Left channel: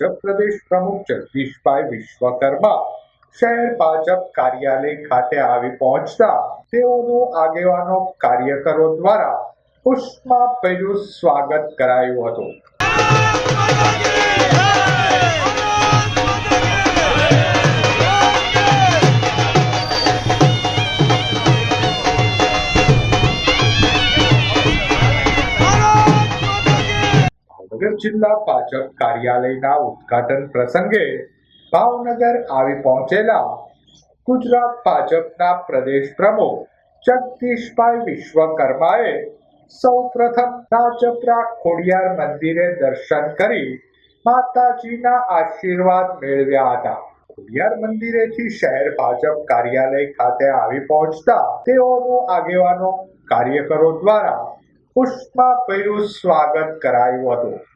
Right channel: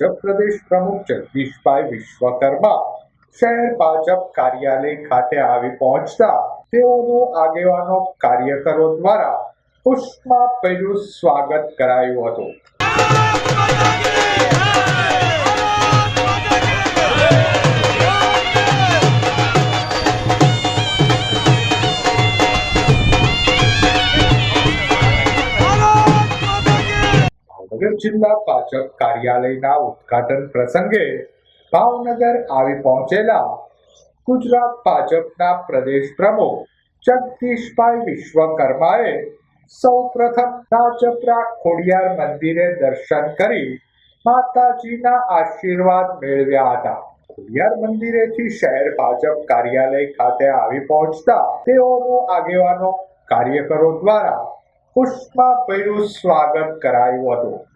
ભાજપ પ્રદેશ પ્રમુખ જગદીશભાઈ વિશ્વકર્મા શહેર ભાજપ કાર્યાલય ખાતે આવી પહોંચતા તેઓનું આગેવાનો કાર્યકરો દ્વારા પુષ્પમાભર્યું સ્વાગત કરાયું હતું. ભાવનગર જિલ્લા ભાજપ કાર્યાલયના ઉદ્ઘાટન પ્રસંગે ભાવનગર આવી પહોંચેલા ગુજરાત ભાજપના પ્રદેશ પ્રમુખ જગદીશભાઈ વિશ્વકર્માએ સૌપ્રથમ રાજપરા ખોડિયાર મંદિરે દર્શન કરી માતાજીના આશીર્વાદ મેળવ્યા હતા. ખોડિયાર મંદિરેથી શહેર ભાજપ કાર્યાલય ખાતે આવી પહોંચતા તેઓનું આગેવાનો કાર્યકરો દ્વારા પુષ્પમાભર્યું સ્વાગત કરાયું હતું.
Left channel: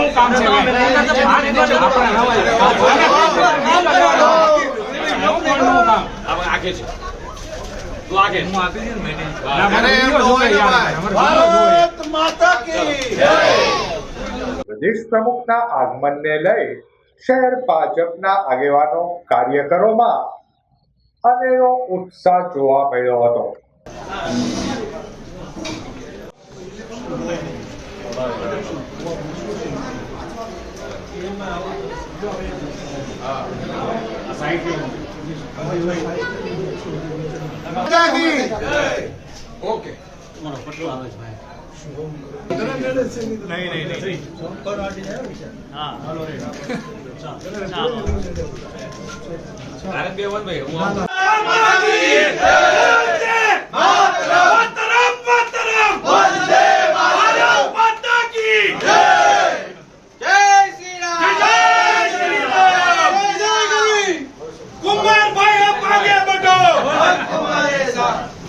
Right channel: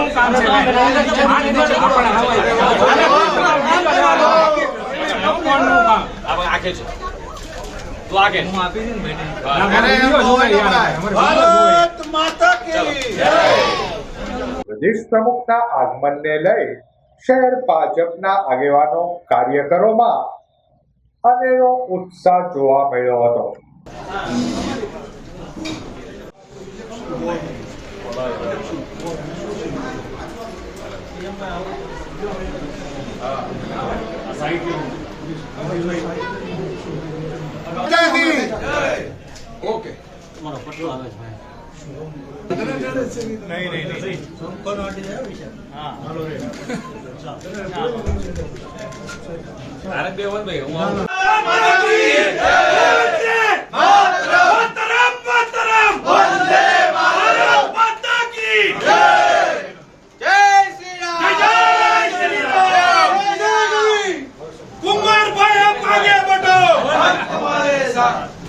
હું કામ છે. આપણે હું આપી ને. ના. પ્રદેશ પ્રમુખના આગમનને લઈ શહેર ભાજપના આગેવાનો કાર્યકરોમાં અનેરો ઉત્સાહ જોવા મળ્યો હતો. તારે બે વન ભાઈ હું આવું. はい、ここまででし。